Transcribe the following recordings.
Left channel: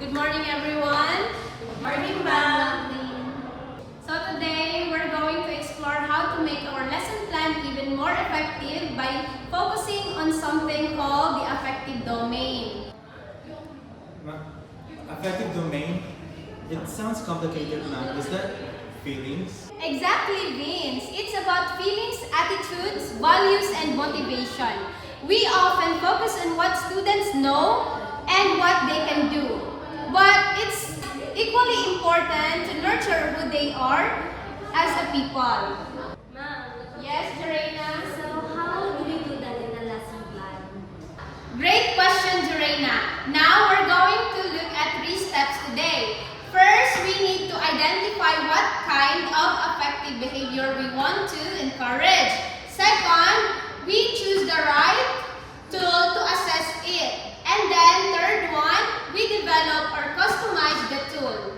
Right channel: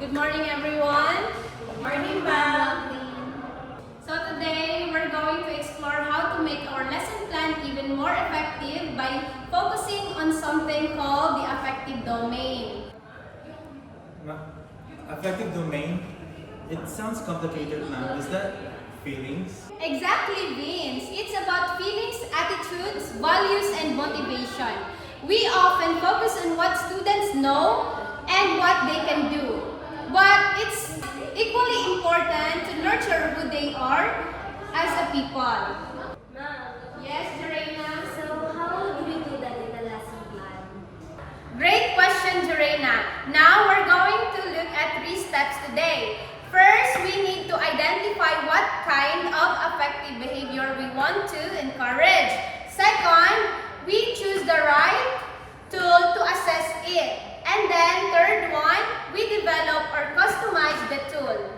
Good morning, everyone. Good morning, ma'am. So today, we're going to explore how to make our lesson plan even more effective by focusing on something called the affective domain. Affective domain? It sounds complicated, ma'am. Is that feelings? Exactly, Vince. It's about feelings, attitudes, values, and motivation. We often focus on what students know and what they can do. But it's equally important to nurture who they are as a people. Ma'am, Yes, Jorena? so how do we do that in a lesson plan? Great question, Jorena. Now we're going to look at 3 steps today. First, we need to identify what kind of affective behavior we want to encourage. Second, we choose the right tool to assess it. And then third one, we develop or customize the tool.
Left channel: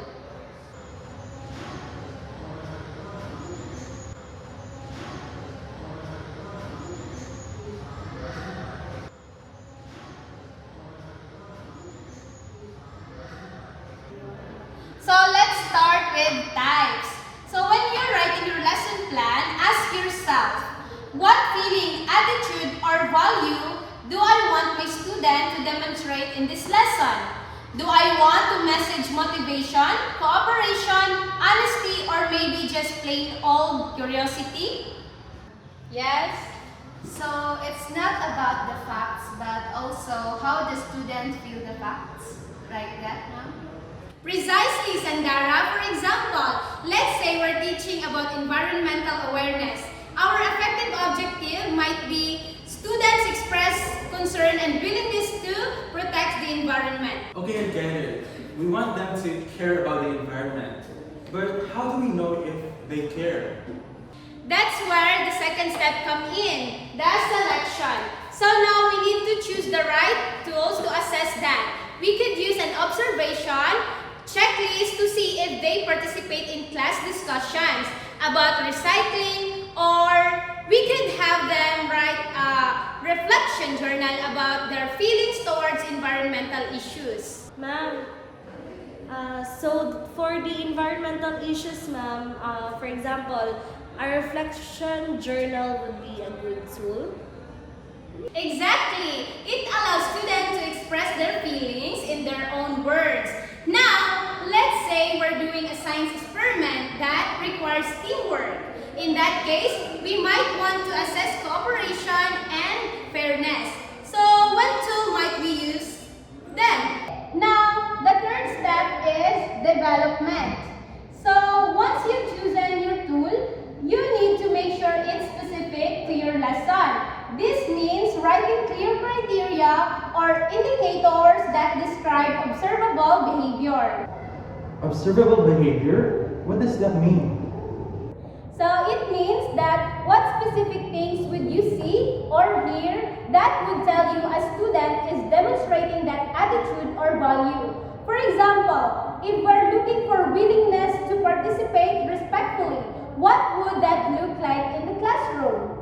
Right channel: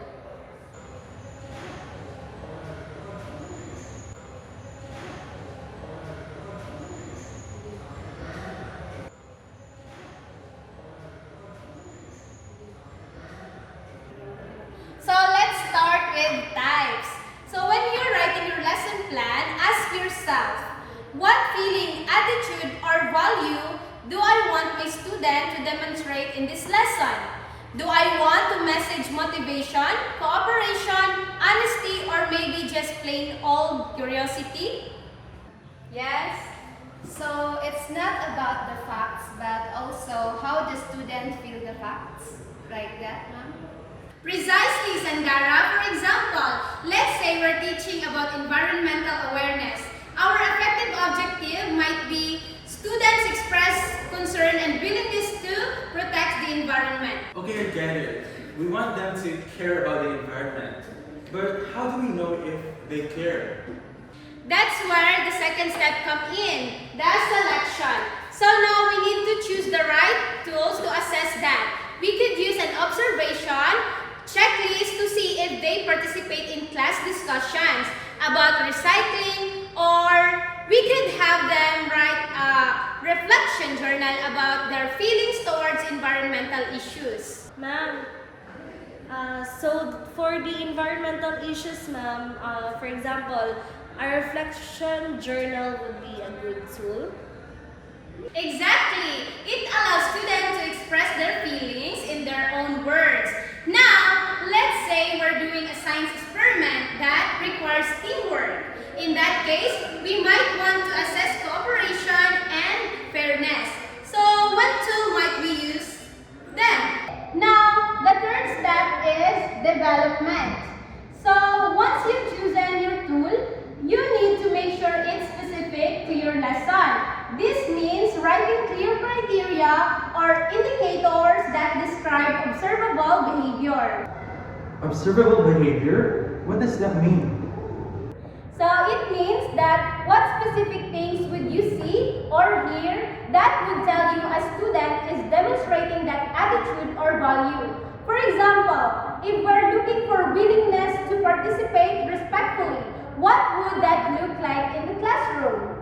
So let's start with types. So when you're writing your lesson plan, ask yourself, what feeling, attitude, or value do I want my student to demonstrate in this lesson? Do I want to message motivation, cooperation, honesty, or maybe just plain old curiosity? Yes? So it's not about the facts, but also how the student feel the facts. Like that, ma'am? Precisely, Sangara. For example, let's say we're teaching about environmental awareness. Our effective objective might be students express concern and willingness to protect the environment. Okay, I get it. We want them to care about the environment. But how do we know if they care? That's where the second step comes in, the selection. So now we need to choose the right tools to assess that. We could use an observation checklist to see if they participate in class discussions about recycling, or we could have them write a reflection journal about their feelings towards environmental issues. Ma'am, so for the environmental issues, ma'am, for example, a reflection journal would be a good tool. Exactly. It allows students to express their feelings in their own words. Now, let's say we're doing a science experiment that requires teamwork. In that case, we might want to assess cooperation and fairness. So, what tool might we use then? Now, the third step is development. So, once you've chosen your tool, you need to make sure it's specific to your lesson. This means writing clear criteria or indicators that describe observable behavior. Observable behavior? What does that mean? So it means that what specific things would you see or hear that would tell you a student is demonstrating that attitude or value. For example, if we're looking for willingness to participate respectfully, what would that look like in the classroom?